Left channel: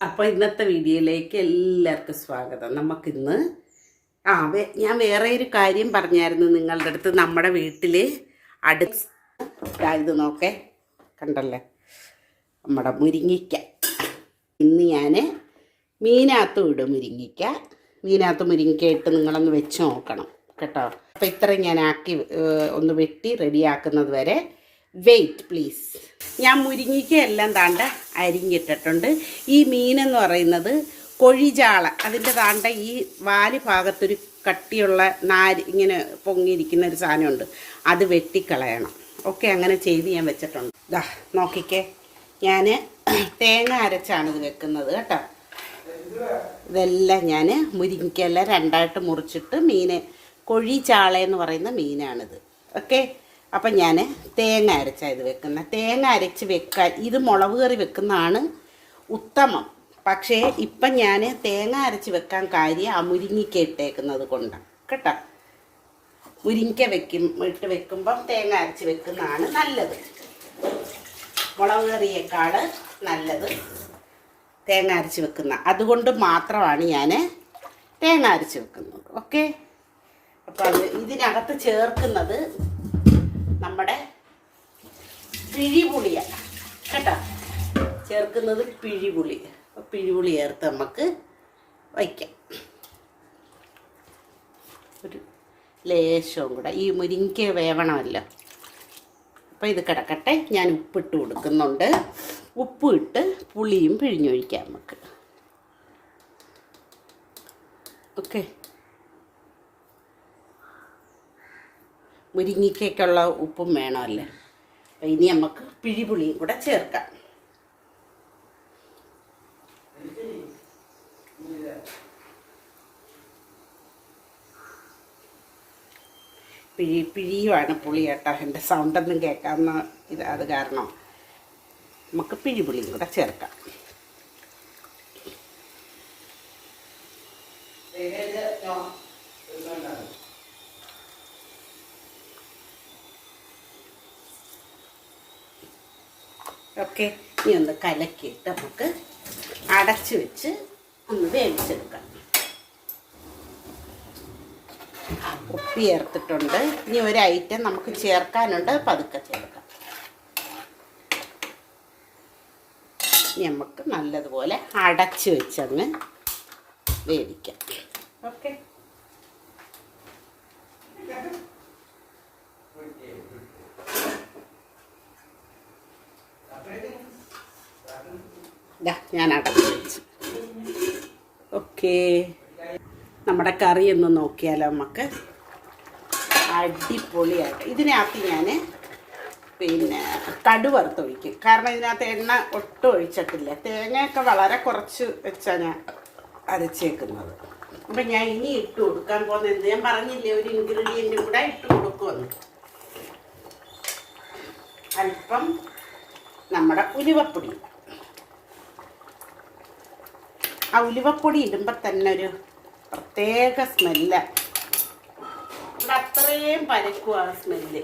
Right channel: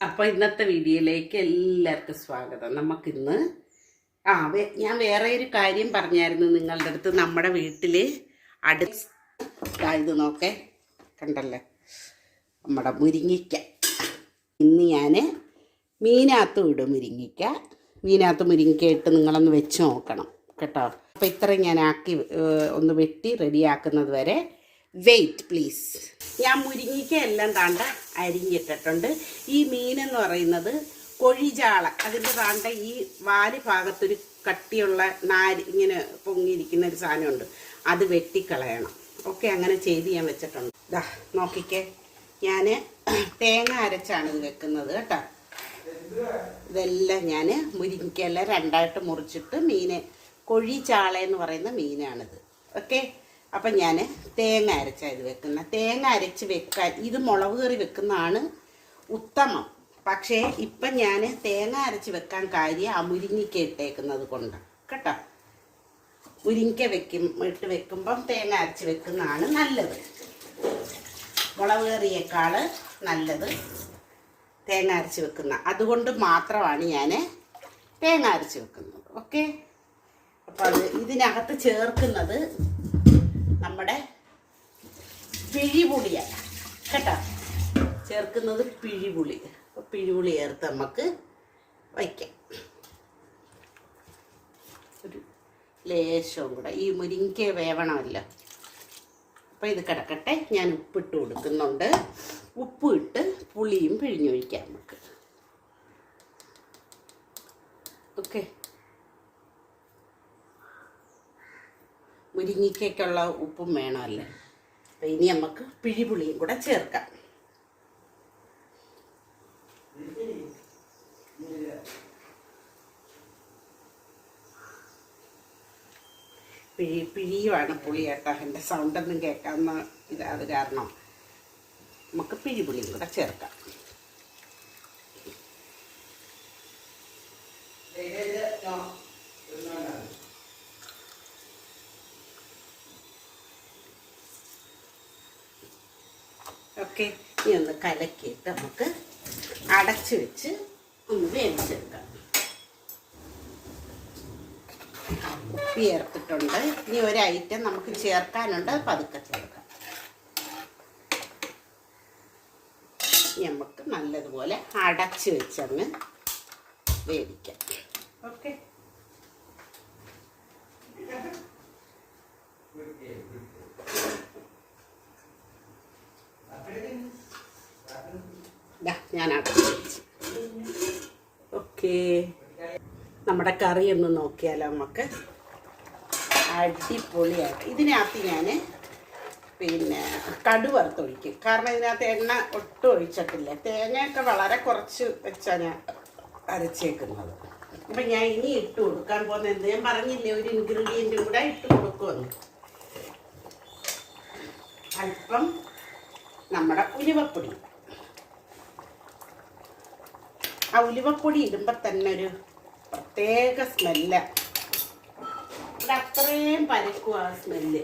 അപ്പോൾ ഇന്നത്തെ വീഡിയോയിലേക്ക് എല്ലാവർക്കും സ്വാഗതം. നമുക്കിന്ന് ആ ഞാൻ വേറെ ഒരു കാര്യം പറഞ്ഞായിരുന്നു നിങ്ങളുടെ അടുത്ത്. നമ്മുടെ വീട്ടിൽ അടുത്ത ഇത് നോക്കേ. കണ്ടല്ലേ? നമ്മുടെ മുരിങ്ങിക്ക ഇന്ന് ഞാൻ മീനകത്ത് ഇടും മുരിങ്ങിക്ക മീനകത്ത് മുരിങ്ങിക്ക ഇട്ട് നിങ്ങളൊന്ന് വെച്ച് നോക്കണം. കേട്ടോ? അപ്പോൾ ഇത്രയും ഞാൻ ആക്കി ഒന്ന് വെട്ടി റെഡിയാക്കുന്നത് വരെ വെയിറ്റ് പ്ലീസ് ഞാൻ മുരിങ്ങിക്ക എല്ലാം താണ്ട അരിഞ്ഞിട്ടിട്ടുണ്ട്. ഈ മീനെന്ന് പറയുന്നത് കൊഴിചാള. അതിന്റെ താണ്ട ഈ വാൽ ഭാഗത്തൊരു കട്ടിയുള്ള നാര് ഇങ്ങനെ പൊങ്ങിയിരിക്കുന്ന ഒരു സാധനമുണ്ട്. അത് വെട്ടിക്കളയണം. ഓക്കെ അങ്ങനെ ചെയ്ത് ഞാൻ വെച്ചിട്ടുണ്ട്. ദാ നോക്കിക്കേ. ഞാൻ തേങ്ങ അരച്ചാണ് ഇത് വെക്കുന്നത് കേട്ടോ. ഇതെല്ലാം ഞാൻ മുരിങ്ങയ്ക്കെല്ലാം രണ്ടായിട്ട് മുറിച്ചിട്ട് മീൻ കൊഴിചാളയെന്ന് പറയുന്ന മീനാണിത്. ഓക്കെ? അപ്പം ഞാൻ തേങ്ങ അരച്ചാണ് ഇത് വെക്കുന്നത് തേങ്ങ അരച്ച് വെക്കാൻ ഇത് മുളക് കറി വെക്കുന്നതാണ് ഉത്തമം. പക്ഷേ ഇപ്പം ഞാൻ തേങ്ങ അരച്ച് വെക്കാൻ കാര്യം ആ മുരിങ്ങിക്ക ഇട്ടേക്കുന്നത് കൊണ്ടാണ് കേട്ടോ? മുരിങ്ങിക്ക വെക്കും ഇട്ട് വെക്കുമ്പം തേങ്ങ അരച്ച് വെക്കുന്നതാണ് നല്ലത്. മുളക് കറിയേക്കാൾ നല്ലത് തേങ്ങ അരച്ച് വെക്കുന്ന. അതുകൊണ്ട് മാത്രമാണ് ഞാൻ തേങ്ങ അരച്ച് വെക്കുന്നത്. ഓക്കെ? അപ്പം ഇതിനകത്ത് ചേർക്കുന്നത് പിഴിപുളിയാണ് കേട്ടോ? ചേർക്കുന്നത് പിഴിപുളി. പിഴിപുളി ചേർത്ത് നമുക്ക് വയ്ക്കാം. ഒരു ലേശവും കൂടെ. ഈ മുരിങ്ങ വേവണമല്ലോ. അപ്പോൾ ഇത് കിടക്കട്ടെ. ഞാൻ ഉപ്പിട്ട് കൊടുക്കുന്നുണ്ട്. ഉപ്പ് ഇട്ട് പുളിയും പിഴിഞ്ഞൊഴിക്കാം നമുക്ക് ഓക്കെ. മുരിങ്ങിക്കയ്ക്കുള്ള ഉപ്പും വേണമല്ലേ? അപ്പം ഇനി നമുക്ക് പിഴിപുളിയും കൂടെ ചേർക്കാം. പിഴി പിഴിയുമാണ് പുളി കേട്ടോ. എന്റെ സൗണ്ടൊന്നും കേൾക്കാമെന്ന് ഇത് അത് കാരണം. നമുക്ക് പിഴിപുളിയും കൂടെ ചേർക്കാം. ഓക്കെ ഇനി ഒന്ന് കലക്കിയിട്ട് നമുക്ക് അടച്ചു വെച്ച് ഒന്ന് വേവിച്ചെടുക്കാം. ഉപ്പി ചേർത്തിട്ടുണ്ട്. ഇനി ഒരു ഐറ്റം നമുക്ക് ചേർക്കാനുണ്ട്. പതുക്കെ ചേർക്കാം. നമുക്ക് നല്ലതുപോലെ അടച്ചു വെച്ചങ്ങ് വേവിക്കാം. ഓക്കെ ദാ, ഞാൻ ഓക്കേ. നമ്മുടെ കറി ഒന്ന് നോക്കിയാലോ നമുക്ക്? അടിപൊളിയായിട്ട്. ഇതിനകത്ത് ഞാൻ പിന്നെ കടു വറുത്തൊഴിക്കും കാരണം ഇതിനകത്ത് എണ്ണ ഒട്ടും ഒഴിച്ചിട്ടില്ല. തേങ്ങയൊക്കെ വളരെ കുറച്ച് വെച്ചാണ് ഞാൻ അരച്ചേക്കുന്നത്. അപ്പം ഞാൻ ഇനി ഇട്ട് കൊടുക്കാൻ പോകുന്നത് എന്ത്? ഞാൻ പറഞ്ഞില്ലേ ഒരു ഇൻഗ്രീഡിയന്റും കൂടെ ഇട്ട് കൊടുക്കുമെന്ന്. അല്പം നമ്മുടെ ഉലുവപ്പൊടി. ആ ഉലുവപ്പൊടി ഇടുമ്പോൾ തന്നെ ഒരു പ്രത്യേക സ്മെല്ല. ഇവിടെ അത്രയും പരക്കും ആ സ്മെല്ല്.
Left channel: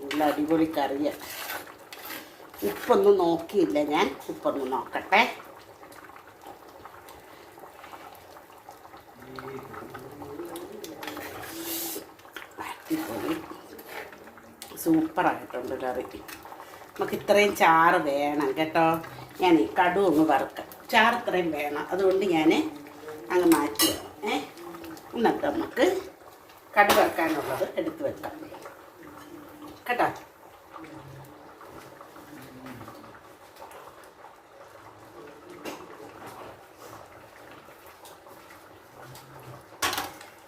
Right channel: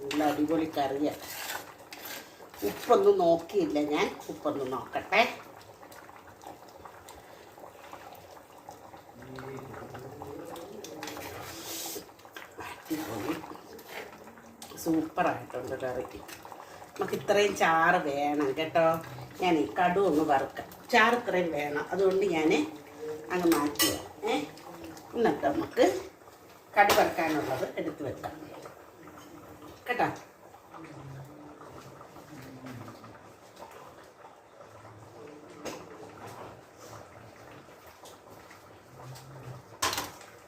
നല്ല അടിപൊളി കറിയ. ഉപ്പൊന്നും നോക്കിയില്ല ഞാൻ. ഉപ്പൊന്ന് നോക്കട്ടെ അടിപൊളി സൂപ്പറായിട്ടുണ്ട് കറിക്ക് നമുക്ക് ഇത്രയും ചാറ് വേണം കേട്ടോ. ഞാൻ ഈ കടു ഒന്ന് വറുക്കാം. ചാറ് ഇത്രയും വേണം. അതുകൊണ്ട് ഞാൻ അങ്ങ് മാറ്റി ഏ? എന്നിട്ട് നമുക്ക് കടു വറുക്കാനുള്ളത് എടുത്ത് വെക്കാം. കേട്ടോ?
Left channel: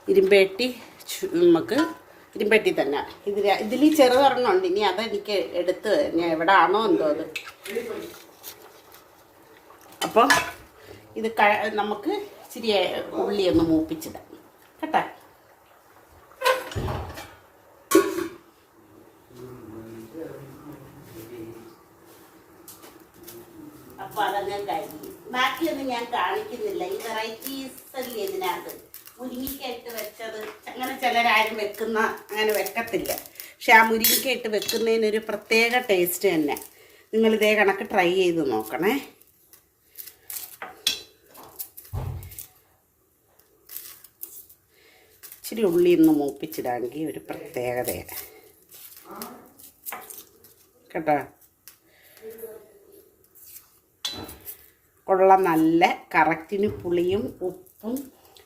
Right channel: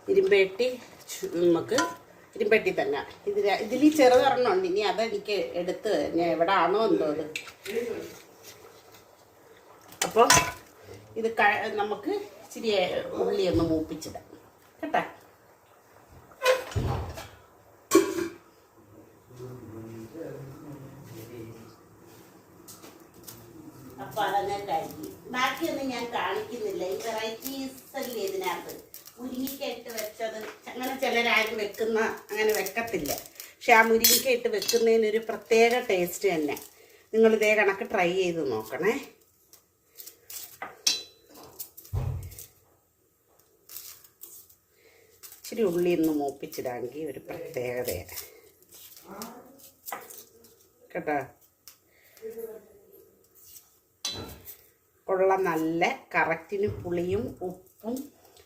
ഇരുമ്പേട്ടി നമുക്ക് ഇരുമ്പെട്ടി തന്നെ. ഇതിൽ ഇതിൽ ചെറുതൊരെണ്ണമുണ്ട് ഇനി അതെനിക്ക് എടുത്ത് ഞാൻ എവിടെ ആണോ എന്തോ അത്. അപ്പോൾ ഇത് ക നമുക്ക് ഇച്ചിരി ഉള്ളി ഒന്ന് മൂപ്പിച്ചിടാം. കേട്ടോ? അപ്പോൾ അതങ്ങനെ ബാക്കിയൊന്നും ഞാൻ കാണിക്കുന്നില്ല. ഈ വെറൈറ്റീസ് അല്ലേ ഇതിനകത്ത്? മുരിങ്ങിക്ക ഇട്ട് വെച്ചത് അങ്ങനെ ചിലരാരും വെക്കുന്ന അങ്ങനെ വെക്കത്തില്ല. പക്ഷെ ആ മുരിങ്ങയ്ക്ക ഇട്ട് വെക്കുന്നതിനൊരു പ്രത്യേക ടേസ്റ്റ് തന്നെ. നിങ്ങൾ ഇതേ കണക്ക് ട്രൈ ചെയ്ത് നോക്കണേ. ഇച്ചിരി ഉള്ളി ഒന്ന് മൂപ്പിച്ചിടാമെങ്കിൽ ഒരു പ്രത്യേകതയാണ് കേട്ടോ? കൊള്ള. നല്ല കറക്റ്റിന് പുളിയും ഉപ്പും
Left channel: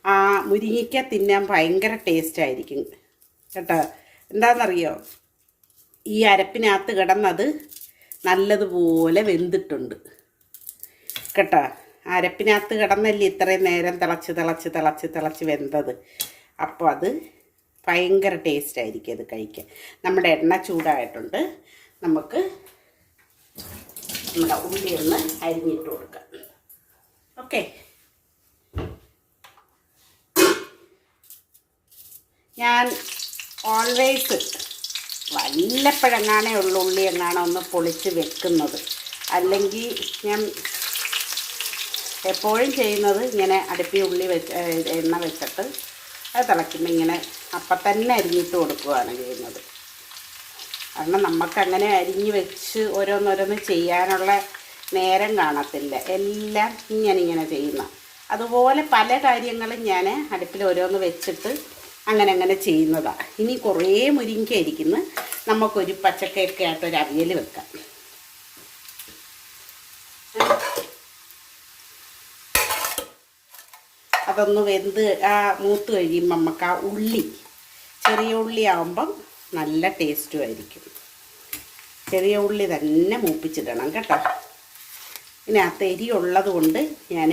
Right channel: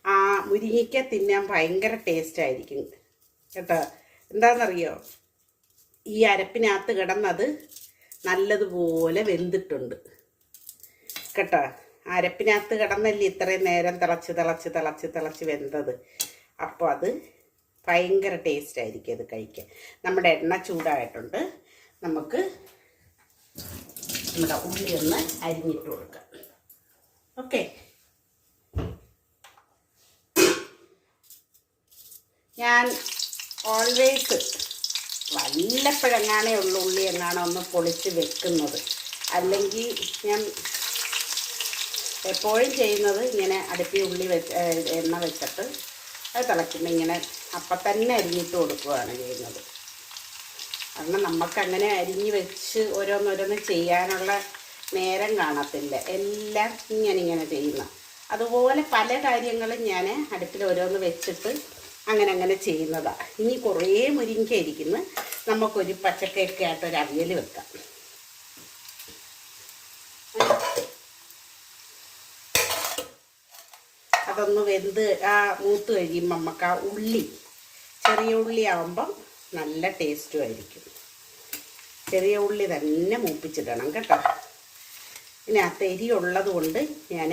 ആ മുരിങ്ങയ്ക്ക തിന്നാൻ ഭയങ്കര ടേസ്റ്റ് ആയിരിക്കും. കേട്ടോ? എന്താണെന്നറിയോ ഈ അരപ്പിനകത്ത് കിടന്നത് നല്ലതുപോലെ വെന്തിട്ടുണ്ട്. കേട്ടോ? അരപ്പിനകത്ത് കിടന്നല്ലേ ഇത്രയും നേരം തിളച്ച് തിളച്ച് തിളച്ച് തിളച്ച് വെന്തത്. അപ്പോൾ അത് ഭയങ്കര ടേസ്റ്റ് ആയിരിക്കും അത് കഴിക്കാൻ. നമ്മുടെ എണ്ണ ചൂടായിട്ടുണ്ട്. നമുക്ക് നമ്മുടെ ഉള്ളി ഒന്ന് അരിഞ്ഞിട്ട് കൊടുക്കാം. ഓക്കെ? ഞാൻ ഓൾവേസ് വല്ലപ്പോഴെങ്ങാണേ ഉള്ളു ഉള്ളി എന്നാണ് ഒന്ന് പൊളിച്ച് വെക്കുന്നത്. അല്ലെങ്കിൽ ഞാൻ എപ്പോഴും ചെയ്യുന്നത് ഇങ്ങനെ അടുപ്പി ഉള്ളി വെച്ച് എണ്ണ വെച്ചിട്ട് അത് തിളയ്ക്കുമ്പോൾ ഇങ്ങനെ അപ്പം തന്നെ അരിഞ്ഞിട്ട് കൊടുക്കുകയാണ് ചെയ്യുന്നത്. കാരണം നമുക്കങ്ങനെ അരിഞ്ഞ് വെച്ച് ഓരോന്നോരോന്ന് ചെയ്യാനുള്ള നേരം കാണത്തില്ല. എല്ലാം ഇങ്ങനെ ചെയ്യുന്ന. അതുപോലെ പല കാര്യങ്ങളും ഞാൻ അടുപ്പിൽ ഓരോന്ന് വെച്ചിട്ട് അങ്ങനെ അങ്ങനെ ചെയ്യുന്നതാണ് ഇനി കുറേ മുരിങ്ങ ഇരിക്കുന്നു നമുക്കൊരു പച്ചക്കയൊക്കെ ആയിട്ട് ഒരു അവിയൽ വെക്കാം. അതൊന്ന് വെന്ത് ആ മൂത്ത് കഴിയുമ്പോൾ നമുക്ക് ആ ഉള്ളി ചെറിയ ഉള്ളി ആവുമ്പം നല്ല ടേസ്റ്റും ആയിരിക്കും. ചെറിയ ഉള്ളി തന്നെ മൂപ്പിച്ചിടണം കേട്ടോ. ഇതിനകത്ത് എരി ഉള്ളത് കൊണ്ട് ഞാൻ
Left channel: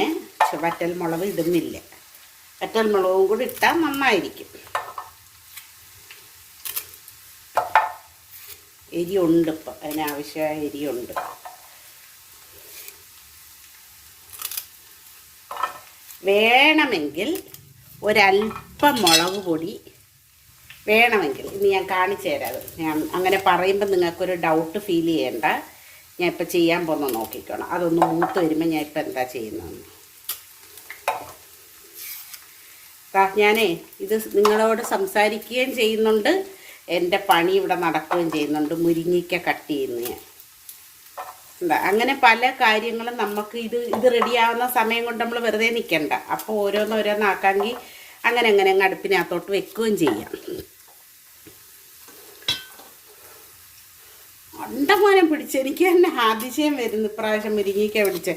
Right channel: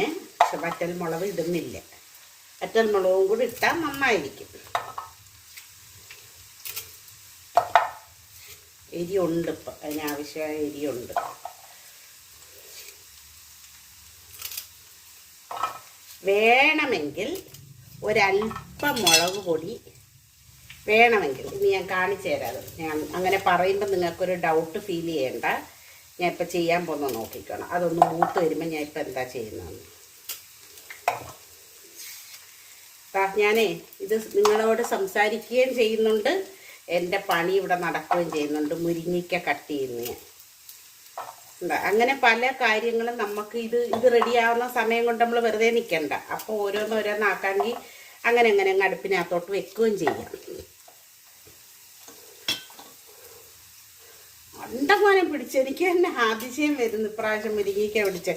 വറ്റൽ മുളക് ഇടുന്നില്ല. വറ്റൽ മുളകും കൂടി ഇട്ടാൽ നന്നായിരിക്കും. എരിയുണ്ട് ഇപ്പം. അതിനാവശ്യമായ എരിയുണ്ട് വേണമെങ്കിൽ ഒരല്പം മുളക് പൊടി വേണമെങ്കിൽ ഇനി ഞാൻ കാണിച്ചു തരാം. ഞാൻ അങ്ങനെ പറയുമ്പോൾ നിങ്ങൾക്കൊരു ഡൗട്ട് ഫീൽ ചെയ്യേണ്ട. ഞാൻ ഇപ്പം ചെയ്യാൻ പോകുന്ന നോക്കിക്കോണം. അതൊന്ന് മൂത്ത് വരുമ്പോൾ ഞാൻ ഇപ്പം എന്താ ചെയ്യുന്നതെന്ന് ദാ ഞാനേ ഇത് നിങ്ങളോട് സംസാരിക്കുകയും ചെയ്യുന്നുണ്ട്. എന്റെ പണി ഇവിടെ നടക്കുകയും ചെയ്യുന്നുണ്ട്. മുരിങ്ങിക്ക കട്ട് ചെയ്യുന്ന ഞാൻ. അങ്ങനെ പല കാര്യങ്ങളും നമുക്ക് ഇത് ഇത് റെഡിയാവുന്ന സമയം കൊണ്ട് നമ്മൾ വെറുതെ നിൽക്കണ്ട. അപ്പോൾ ഓരോന്നോരോന്നാക്കാമെങ്കിൽ അങ്ങനെ അങ്ങനെ അങ്ങ് അടുപ്പിനകത്തോട്ട് വെക്കുകയും ചെയ്യാം. അണ്ടമാനം പിടിച്ച്. എനിക്ക് തന്നെ ആതിശയം വരുന്നു ഇപ്രാവശ്യം മുരിങ്ങിക്ക പിടിച്ച്.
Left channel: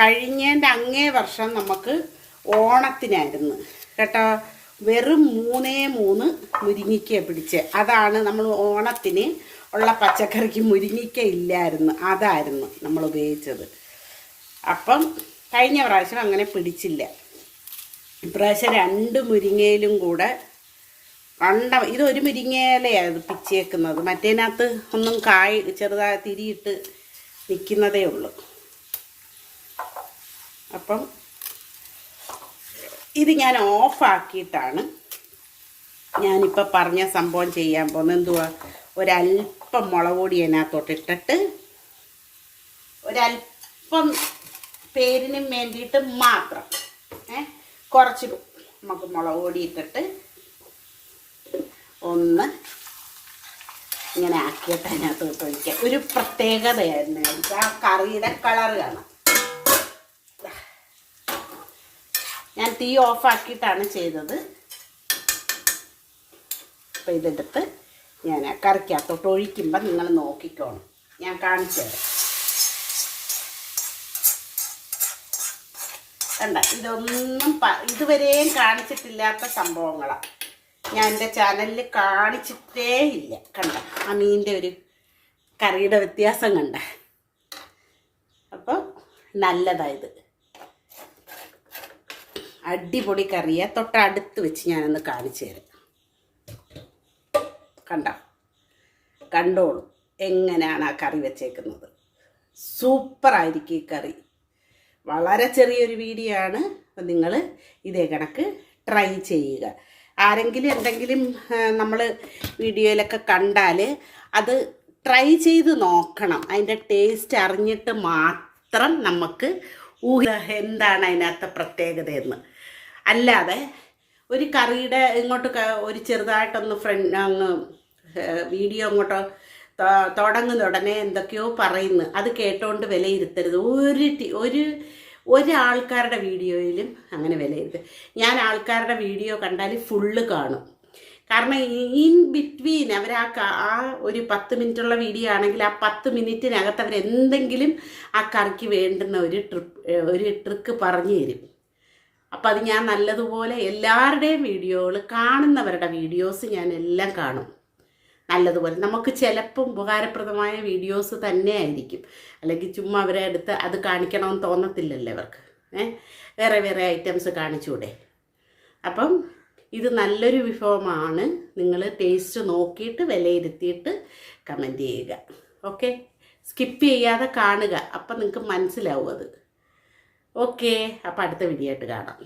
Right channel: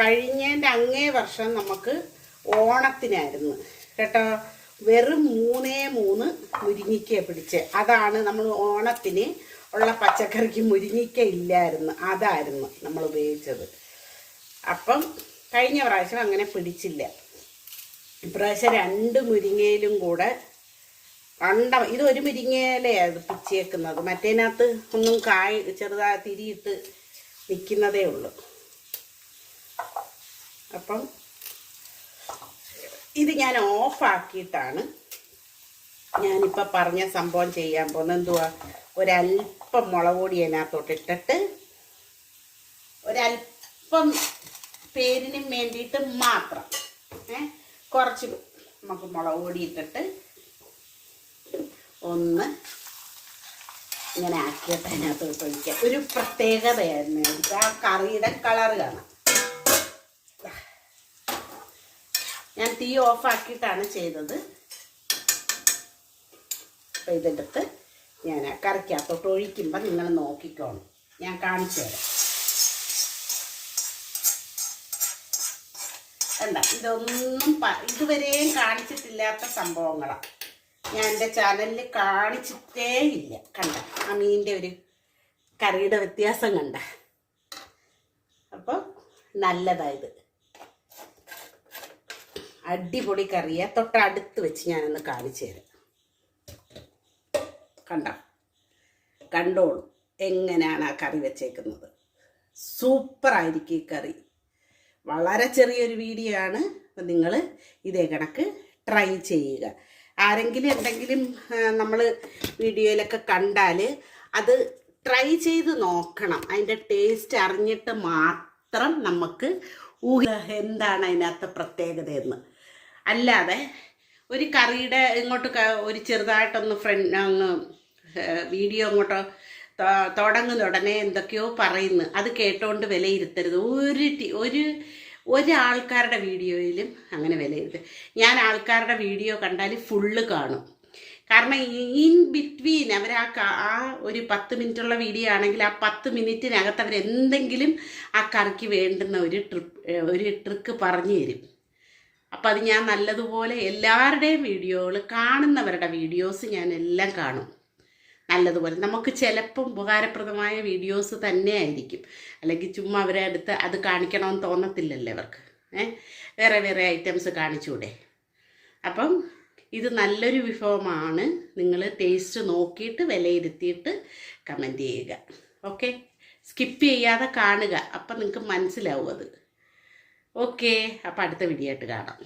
കഴിഞ്ഞതിന്റെ അങ്ങേ വർഷം നമുക്ക് ഓണത്തിനായിരുന്നു. കേട്ടോ? വെറും മൂന്നേ മൂന്ന് മുരിങ്ങിക്ക പിടിച്ച്. അതാണ് നമ്മൾ ഓണത്തിന് ഉള്ള പച്ചക്കറിക്ക് മുരിങ്ങിക്ക ഇല്ലായിരുന്നു. അതായിരുന്നു നമ്മൾ ഉപയോഗിച്ചത്. അപ്പം കഴിഞ്ഞ പ്രാവശ്യം അങ്ങനെ പിടിച്ചില്ല. ഇപ്രാവശ്യം രണ്ട് മുരിങ്ങയിലും കൂടെ കണ്ട ഇത് ഒരു പിച്ചേക്കുന്നത് മറ്റേനകത്ത് ഒന്നും കായ് ചെറുതായി തിരിയിട്ട് നിൽക്കുന്നതേ ഉള്ളൂ. അപ്പം ഇത് ഞാൻ ഓഫാക്കിയിട്ടാണ് ഞാനിപ്പോൾ പറഞ്ഞ സംഭവം ചെയ്യാൻ പോകുന്നത്. എന്തുവാ? ഒരല്പം മുളക് പൊടി അതിനകത്തോട്ട് ഇട്ടിട്ട് ഒരല്പം പേരിനും വേണ്ടിയിട്ട് മാത്രം ഏ കുറച്ച് നമുക്ക് മുളക് പൊടി ഇട്ടിട്ട് ഒന്ന് ഇങ്ങനെ ആക്കിയിട്ട് അതിനകത്ത് ഇട്ട് ഒരു പ്രത്യേകതയായിരുന്നു ആ കറിയുടെ കളറ് കാണാം. ഞാൻ തീ ഓഫാക്കിയിട്ടാണ് ചെയ്തത്. അപ്പം ഇതെടുത്ത് ഞാൻ കറിക്കകത്തോട്ട് ഒഴിക്കുമ്പോൾ നിങ്ങൾ നോക്കിക്കോണം. ഞാൻ കാണിച്ചു തരാം. കണ്ട ഇതൊന്നും ഇതുവരെയും കാണിച്ചിട്ടില്ലാത്ത സംഭവങ്ങളാണ് ഞാൻ എന്റെ ചാനലിൽ കാണിച്ചിട്ടേ ഇല്ല. കണ്ട ആ മീനിന്റെ ഒരു കറിയുടെ വ്യത്യാസം കണ്ട. അപ്പോൾ നല്ലതായത് അടിപൊളി കറിയെ തൊട്ടടുത്ത് വെച്ച് ഞാനൊന്ന് കാണിച്ചു തരാം. കണ്ട? കണ്ടോളൂ. എങ്ങനെയാണ് ആ കറി വെച്ചേക്കുന്നത്? സൂപ്പറായിരിക്കും ഈ കറി. വളരെ ചെറിയൊരു വീഡിയോ ആണ്. അപ്പം നിങ്ങൾ ഇതേ കണക്ക് ട്രൈ ചെയ്യുക. ആരെങ്കിലും എന്തെങ്കിലും നമ്മൾ വീഡിയോയിലൊക്കെ കണ്ടാൽ അത് ട്രൈ ചെയ്ത് നോക്കണം. അതിന്റെ ടേസ്റ്റ് അറിഞ്ഞിട്ട് മാത്രം നമുക്ക് ഊഹ എന്താണ് അതിനകത്തെ പ്രത്യേകതയെന്ന്. അല്ലാതെ ഒരു കറിയുടെ ഇങ്ങോട്ട് ഒരു ചെറുതായിട്ടൊന്ന് ഫ്രണ്ട് അങ്ങ് വീഡിയോ അങ്ങോട്ട് തുടങ്ങുന്ന ഉടനെ എന്തൊക്കെയോ പറയുന്നു. അത് കേട്ടോണ്ട് വിലയിരുത്തരുത്. ഒരു ഒരു ഒരാൾക്കാരുടെ വീഡിയോയിലും അങ്ങനെ വിലയിരുത്തരുത് ഞാൻ ആൾക്കാരുടെ വീഡിയോ കണ്ടാൽ ഫുള്ള് കാണും. കാരണം ഇൻ ബിറ്റ്വീൻ അവർ ആ ഒരു പത്ത് മിനിറ്റുള്ള വീഡിയോ ആണെങ്കിൽ ആ പത്ത് മിനിറ്റിനകത്ത് അവർ എന്തെങ്കിലും ആ കറിക്ക് വേണ്ടുന്ന ഒരു ട്രിപ്പ് ഒരു ട്രിക്ക് പറഞ്ഞു തരും. അപ്പം അത് ഞാൻ നല്ലതുപോലെ എല്ലാവരുടെയും വീഡിയോകൾ കാണുന്നവരുടെ വീഡിയോസ് ഞാൻ എല്ലാം കാണും. നല്ലതുപോലെ. നമുക്ക് ചിലപ്പം ഉപകാരപ്രദമായ വീഡിയോസ് തന്നെ ആയിരിക്കും. അല്ലെങ്കിൽ ചുമ്മാ അവരെ അടുത്ത് അത് കാണിക്കണമെന്ന് തോന്നത്തില്ലല്ലോ അവർക്ക് ഏഹ് വേറെ വേറെ ഐറ്റംസ് കാണിച്ചൂടെ അപ്പം ഇത് നല്ലൊരു വിഭവമാണ്. നിങ്ങൾ ടേസ്റ്റ് നോക്കിയിട്ട് വിലയിരുത്തിയിട്ട് കമന്റ് ചെയ്യുക. ഓക്കെ സ്കിപ്പ് ചെയ്യാതെ കാണുക. അപ്പം നിങ്ങൾക്ക് മനസ്സിലാവും അത്. ഓക്കെ. അപ്പോൾ അടുത്ത വീഡിയോ ആയിട്ട് കാണാം.